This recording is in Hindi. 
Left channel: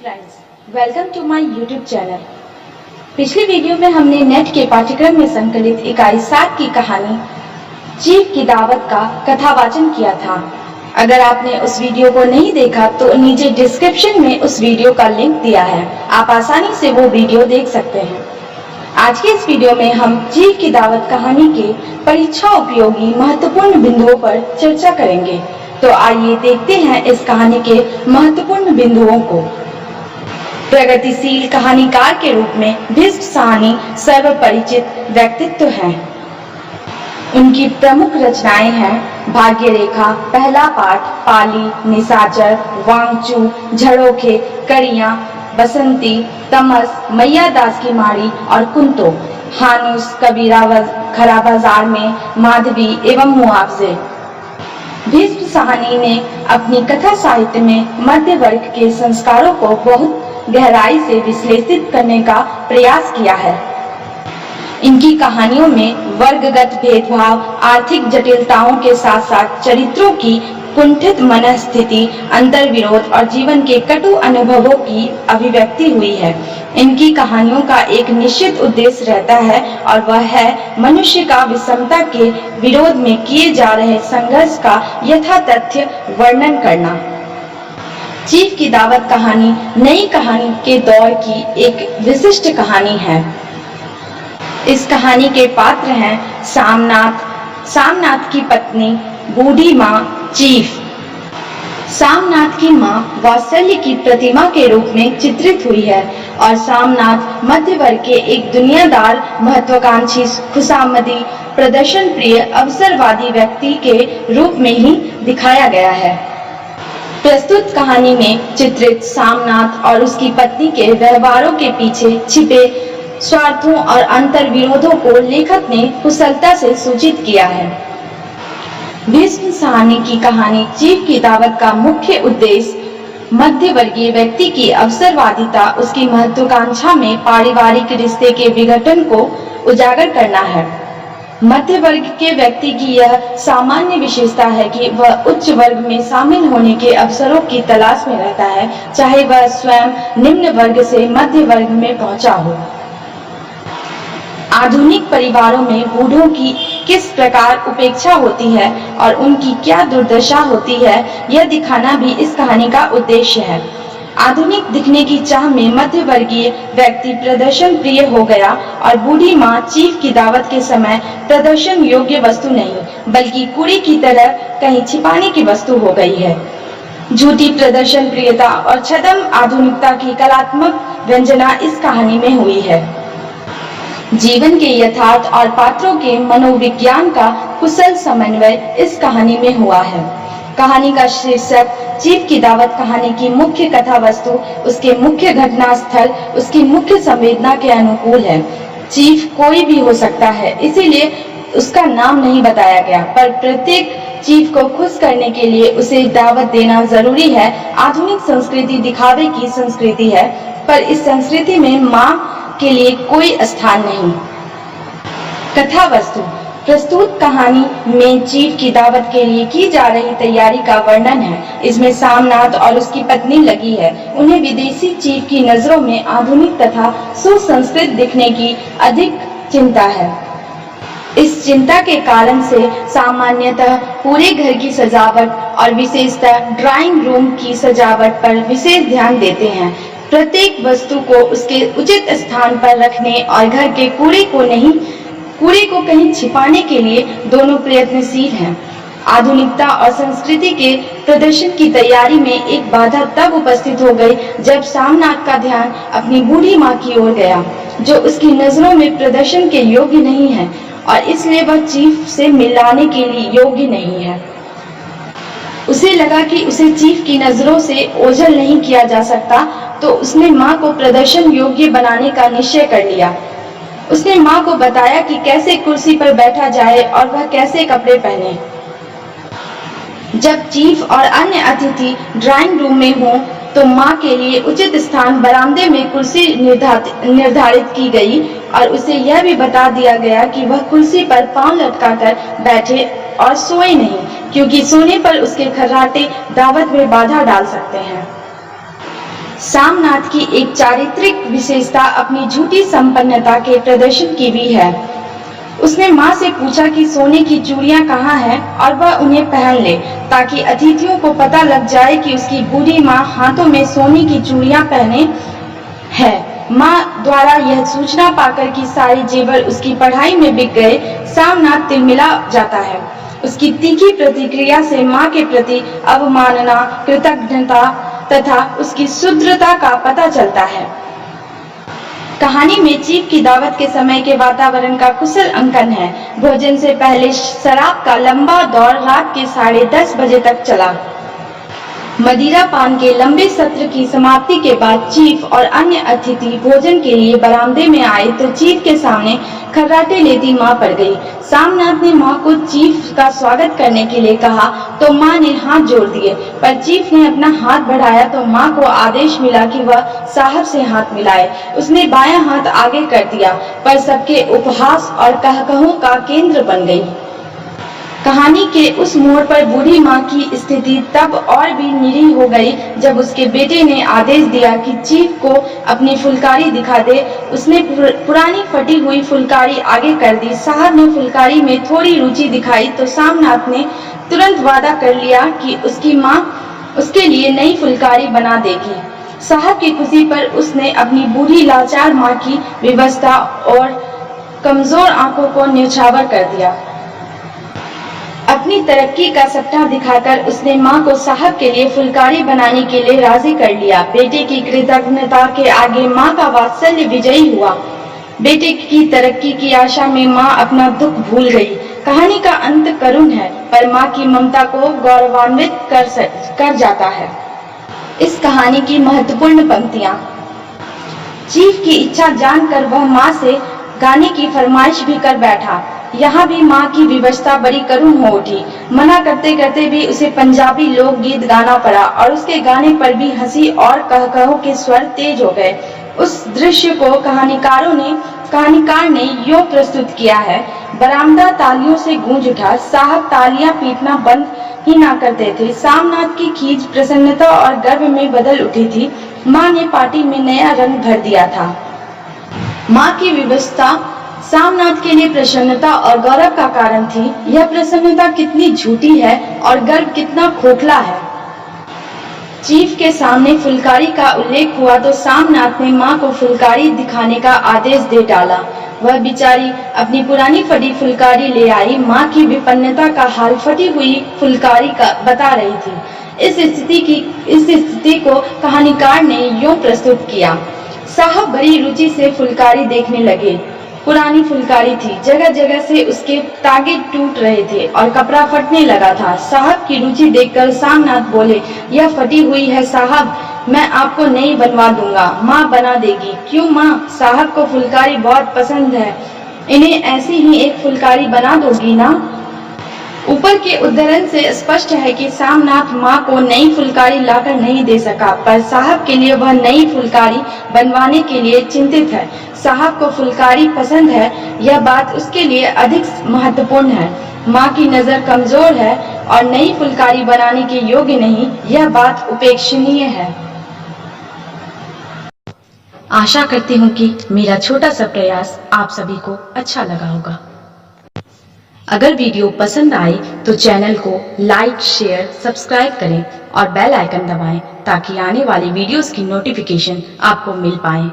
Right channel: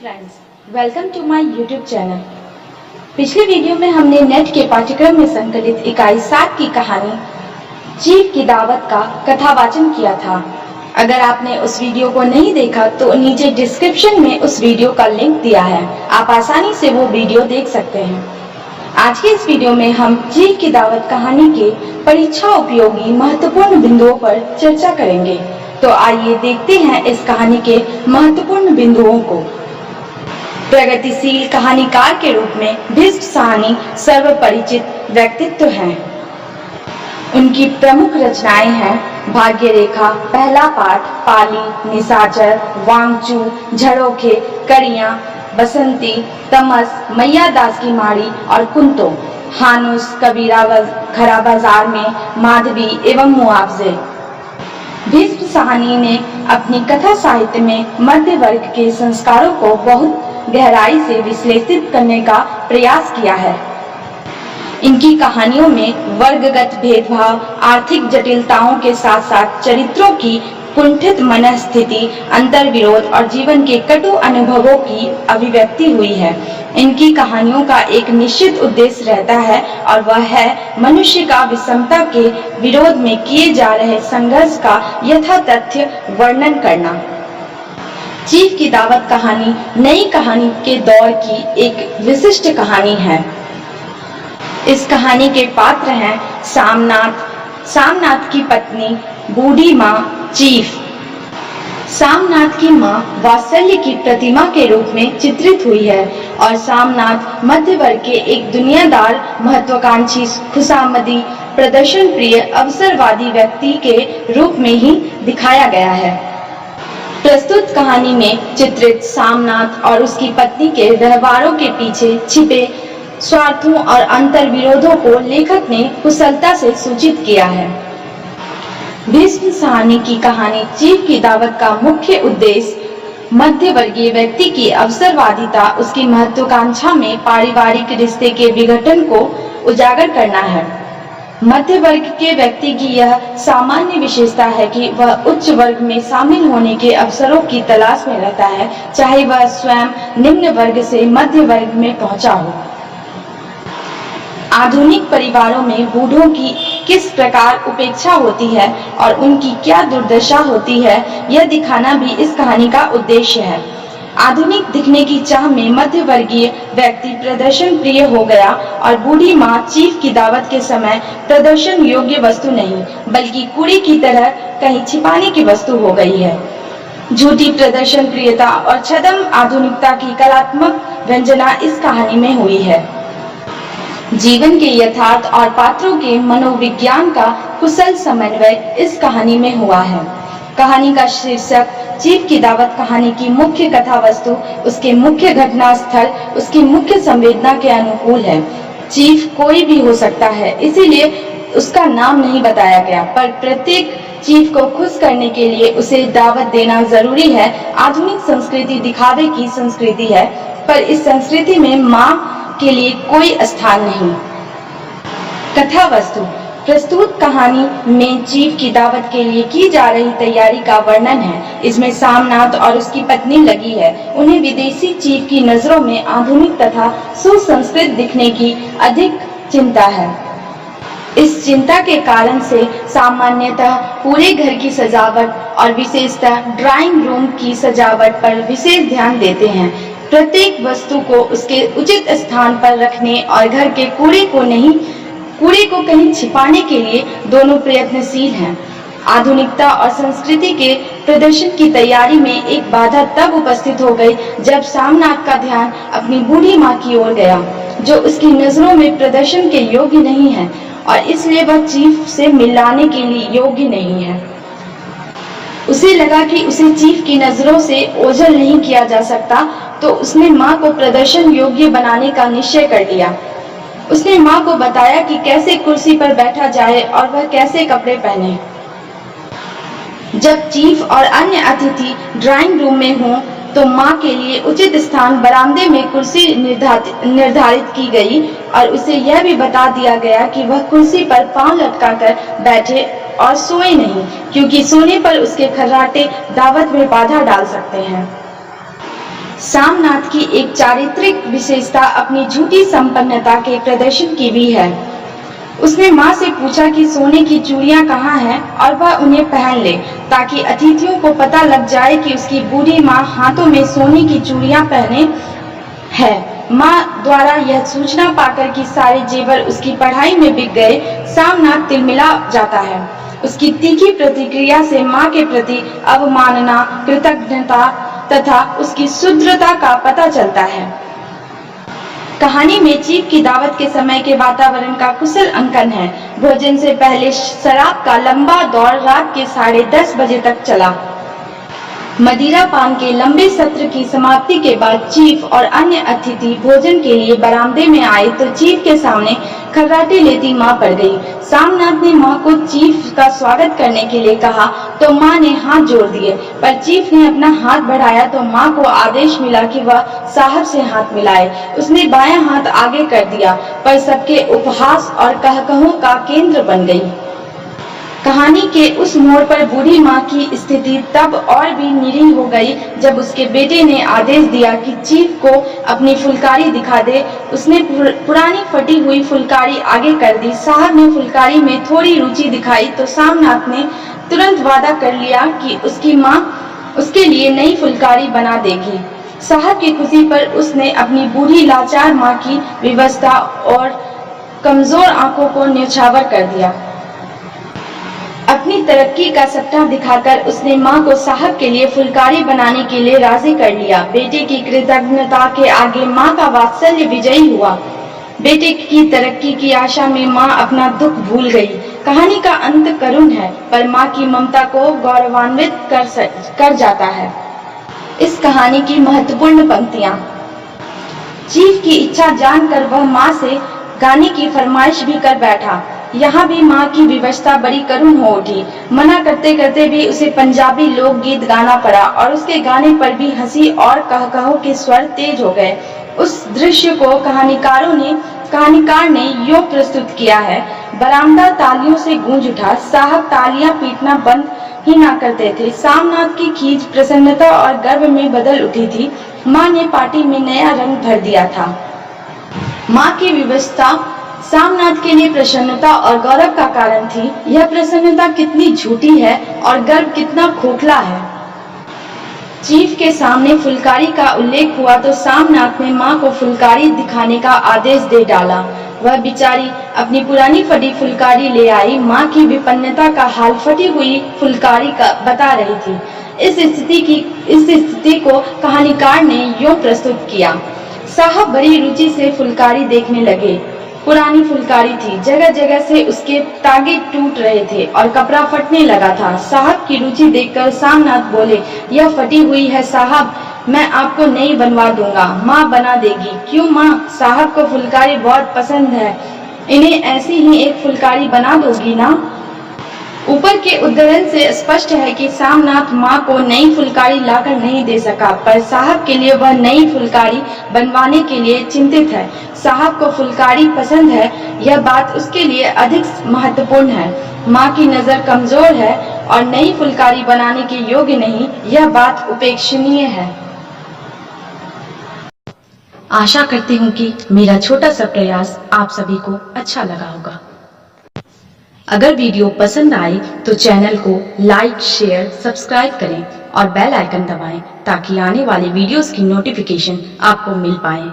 Friends, welcome to my YouTube channel. पिछले वीडियो में हमने नेट के पाठ्यक्रम में संकलित इकाई 7 की कहानी चीफ की दावत का कथावाचन किया था। अगर आपने उस वीडियो को नहीं देखा तो नीचे डिस्क्रिप्शन में उस वीडियो का लिंक दिया है, आप आसानी से वो वीडियो देख सकते हैं। आज के इस वीडियो में हम चीफ की दावत कहानी के परीक्षा उपयोगी महत्वपूर्ण बिंदुओं पर चर्चा करेंगे। तो आइए देखते हैं इस कहानी के महत्वपूर्ण बिंदुओं को। प्रगतिशील कहानीकार के रूप में भीष्म साहनी सर्वपरिचित व्यक्तित्व हैं। उनकी प्रमुख रचनाएं हैं भाग्य रेखा, पहला पाठ, पाली, निशाचर, वांगचू, झरोखे, कड़ियां, बसंती, तमस, मैया दास की माड़ी और कुंतो, हानुस, कबीरा, खरा बाजार में, माधवी एवं मुआवजे। भीष्म साहनी ने अपनी कथा साहित्य में मध्य वर्ग के संस्कारों को बहुत गहराई से विश्लेषित करने का प्रयास किया है। इनकी कहानियों में वर्गगत भेदभाव, आर्थिक जटिलताओं के साथ साथ चरित्रों की कुंठित मनस्थिति, अंतर्विरोध और जीवन के कटु अनुभवों की अभिव्यक्ति हुई है। इनकी कहानियों का एक निश्चित उद्देश्य रहता है और वह है मनुष्य का विषमता के विरोध में किए जा रहे संघर्ष का यथातथ्य वर्णन करना। चीफ की दावत कहानी नई कहानी के दौर की एक विशिष्ट कहानी है। इस कहानी के पात्र हैं सामनाथ की पत्नी बूढ़ी माँ चीफ। सामनाथ की माँ वात्सल्य की प्रतिमा के रूप में चित्रित हुई है और सामनाथ मध्य वर्ग के एक दुनियादार, महत्वाकांक्षी, खुशामदी, प्रदर्शन प्रिय, अवसरवादी व्यक्ति के रूप में ही दिखाया गया है। प्रस्तुत कहानी में चित्रित सामनाथ और उसकी पत्नी के व्यवहारों के पीछे छिपे स्वार्थों और अंतर्विरोधों को लेखक ने कुशलता से सूचित किया है। भीष्म साहनी की कहानी चीफ की दावत का मुख्य उद्देश्य मध्य वर्गीय व्यक्ति की अवसरवादिता, उसकी महत्वाकांक्षा में पारिवारिक रिश्ते के विघटन को उजागर करना है। मध्य वर्ग के व्यक्ति की यह सामान्य विशेषता है कि वह उच्च वर्ग में शामिल होने के अवसरों की तलाश में रहता है, चाहे वह स्वयं निम्न वर्ग से मध्य वर्ग में पहुंचा हो। आधुनिक परिवारों में बूढ़ों की किस प्रकार उपेक्षा होती है और उनकी क्या दुर्दशा होती है, यह दिखाना भी इस कहानी का उद्देश्य है। आधुनिक दिखने की चाह में मध्य वर्गीय व्यक्ति प्रदर्शन प्रिय हो गया और बूढ़ी माँ चीफ की दावत के समय प्रदर्शन योग्य वस्तु नहीं बल्कि कूड़ी की तरह कहीं छिपाने की वस्तु हो गई है। झूठी प्रदर्शन प्रियता और छद्म आधुनिकता की कलात्मक व्यंजना इस कहानी में हुई है। जीवन के यथार्थ और पात्रों के मनोविज्ञान का कुशल समन्वय इस कहानी में हुआ है। कहानी का शीर्षक चीफ की दावत कहानी की मुख्य कथा वस्तु, उसके मुख्य घटना स्थल, उसकी मुख्य संवेदना के अनुकूल है। चीफ कोई भी हो सकता है, इसीलिए उसका नाम नहीं बताया गया, पर प्रत्येक चीफ को खुश करने के लिए उसे दावत देना जरूरी है। आधुनिक संस्कृति दिखावे की संस्कृति है, पर इस संस्कृति में माँ के लिए कोई स्थान नहीं। कथा वस्तु प्रस्तुत कहानी में चीफ की दावत के लिए की जा रही तैयारी का वर्णन है। इसमें सामनाथ और उसकी पत्नी लगी है। उन्हें विदेशी चीफ की नजरों में आधुनिक तथा सुसंस्कृत दिखने की अधिक चिंता है। इस चिंता के कारण से सामान्यतः पूरे घर की सजावट और विशेषतः ड्राइंग रूम की सजावट पर विशेष ध्यान देते हैं। प्रत्येक वस्तु को उसके उचित स्थान पर रखने और घर के कूड़े को कहीं छिपाने के लिए दोनों प्रयत्नशील हैं। आधुनिकता और संस्कृति के प्रदर्शन की तैयारी में एक बाधा तब उपस्थित हो गई जब सामनाथ का ध्यान अपनी बूढ़ी माँ की ओर गया, जो उसकी नजरों में प्रदर्शन के योग्य नहीं है और इसलिए वह चीफ से मिलाने के लिए योग्य नहीं है। उसे लगा कि उसे चीफ की नजरों से ओझल नहीं किया जा सकता, तो उसने माँ को प्रदर्शन योग्य बनाने का निश्चय कर लिया। उसने माँ को बताया कि कैसे कुर्सी पर बैठा जाए और वह कैसे कपड़े पहने। जब चीफ और अन्य अतिथि ड्राइंग रूम में हों तो माँ के लिए उचित स्थान बरामदे में कुर्सी निर्धारित की गई और उसे यह भी बता दिया गया कि वह कुर्सी पर पांव लटकाकर बैठे और सोए नहीं, क्योंकि सोने पर उसके खर्राटे दावत में बाधा डाल सकते हैं। सामनाथ की एक चारित्रिक विशेषता अपनी झूठी संपन्नता के प्रदर्शन की भी है। उसने माँ से पूछा कि सोने की चूड़ियां कहाँ हैं और वह उन्हें पहन ले, ताकि अतिथियों को पता लग जाए कि उसकी बूढ़ी माँ हाथों में सोने की चूड़ियां पहने है। माँ द्वारा यह सूचना पाकर कि सारे जेवर उसकी पढ़ाई में बिक गए, सामनाथ तिलमिला जाता है। उसकी तीखी प्रतिक्रिया से माँ के प्रति अवमानना, कृतज्ञता तथा उसकी शुद्रता का पता चलता है। कहानी में चीफ की दावत के समय के वातावरण का कुशल अंकन है। भोजन से पहले शराब का लंबा दौर रात के 10:30 बजे तक चला। मदिरा पान के लंबे सत्र की समाप्ति के बाद चीफ और अन्य अतिथि भोजन के लिए बरामदे में आए तो चीफ के सामने खर्राटे लेती माँ पड़ गई। सामनाथ ने माँ को चीफ का स्वागत करने के लिए कहा तो माँ ने हाथ जोड़ दिए, पर चीफ ने अपना हाथ बढ़ाया तो माँ को आदेश मिला कि वह साहब से हाथ मिलाए। उसने बायां हाथ आगे कर दिया, पर सबके उपहास और कहकहों का केंद्र बन गई। कहानी के उस मोड़ पर बूढ़ी माँ की स्थिति तब और भी निरीह हो गई जब उसके बेटे ने आदेश दिया कि चीफ को अपनी फुलकारी दिखा दे। उसने पुरानी फटी हुई फुलकारी आगे कर दी। साहब ने फुलकारी में थोड़ी रुचि दिखाई तो सामनाथ ने तुरंत वादा कर लिया कि उसकी माँ उसके लिए नई फुलकारी बना देगी। साहब की खुशी पर उसने अपनी बूढ़ी लाचार माँ की विवशता और कमजोर आंखों को न्यौछावर कर दिया। अपनी तरक्की का सपना दिखाकर उसने माँ को साहब के लिए फुलकारी बनाने के लिए राजी कर लिया। बेटे की कृतज्ञता के आगे माँ का वात्सल्य विजयी हुआ। बेटे की तरक्की की आशा में माँ अपना दुख भूल गई। कहानी का अंत करुण है, पर माँ की ममता को गौरवान्वित कर जाता है। इस कहानी की महत्वपूर्ण पंक्तियाँ। चीफ की इच्छा जानकर वह माँ से गाने की फरमाइश भी कर बैठा। यहाँ भी माँ की विवशता बड़ी करुण हो उठी। मना करते करते भी उसे पंजाबी लोकगीत गाना पड़ा और उसके गाने पर भी हंसी और कहकहों के स्वर तेज हो गए। उस दृश्य को कहानीकार ने यूं प्रस्तुत किया है। बरामदा तालियों से गूंज उठा। साहब तालियां पीटना बंद ही ना करते थे। सामनाथ की खींच प्रसन्नता और गर्व में बदल उठी थी। माँ ने पार्टी में नया रंग भर दिया था। माँ की विवशता सामनाथ के लिए प्रसन्नता और गौरव का कारण थी। यह प्रसन्नता कितनी झूठी है और गर्व कितना खोखला है। चीफ के सामने फुलकारी का उल्लेख हुआ तो सामनाथ ने माँ को फुलकारी दिखाने का आदेश दे डाला। वह बेचारी अपनी पुरानी फटी फुलकारी ले आई। माँ की विपन्नता का हाल फटी हुई फुलकारी का बता रही थी। इस स्थिति को कहानीकार ने यूं प्रस्तुत किया। साहब बड़ी रुचि से फुलकारी देखने लगे। पुरानी फुलकारी थी, जगह जगह से उसके तागे टूट रहे थे और कपड़ा फटने लगा था। साहब की रुचि देखकर सामनाथ बोले, यह फटी हुई है साहब, मैं आपको नई बनवा दूंगा। माँ बना देगी। क्यों माँ? साहब को फुलकारी बहुत पसंद है, इन्हें ऐसी ही एक फुलकारी बना दोगी ना? ऊपर के उद्धरण से स्पष्ट है कि सामनाथ माँ को नई फुलकारी लाकर नहीं दे सका, पर साहब के लिए वह नई फुलकारी बनवाने के लिए चिंतित है। साहब को फुलकारी पसंद है, यह बात उसके लिए अधिक महत्वपूर्ण है। माँ की नजर कमजोर है और नई फुलकारी बनाने के योग्य नहीं, यह बात उपेक्षणीय है। आशा करती हूँ कि मेरा छोटा सा प्रयास आप सभी को अच्छा लगा होगा। अगर वीडियो पसंद आए तो चैनल को लाइक, शेयर, सब्सक्राइब करें और बेल आइकन दबाएं ताकि आने वाली वीडियोस की नोटिफिकेशन आपको मिल पाए।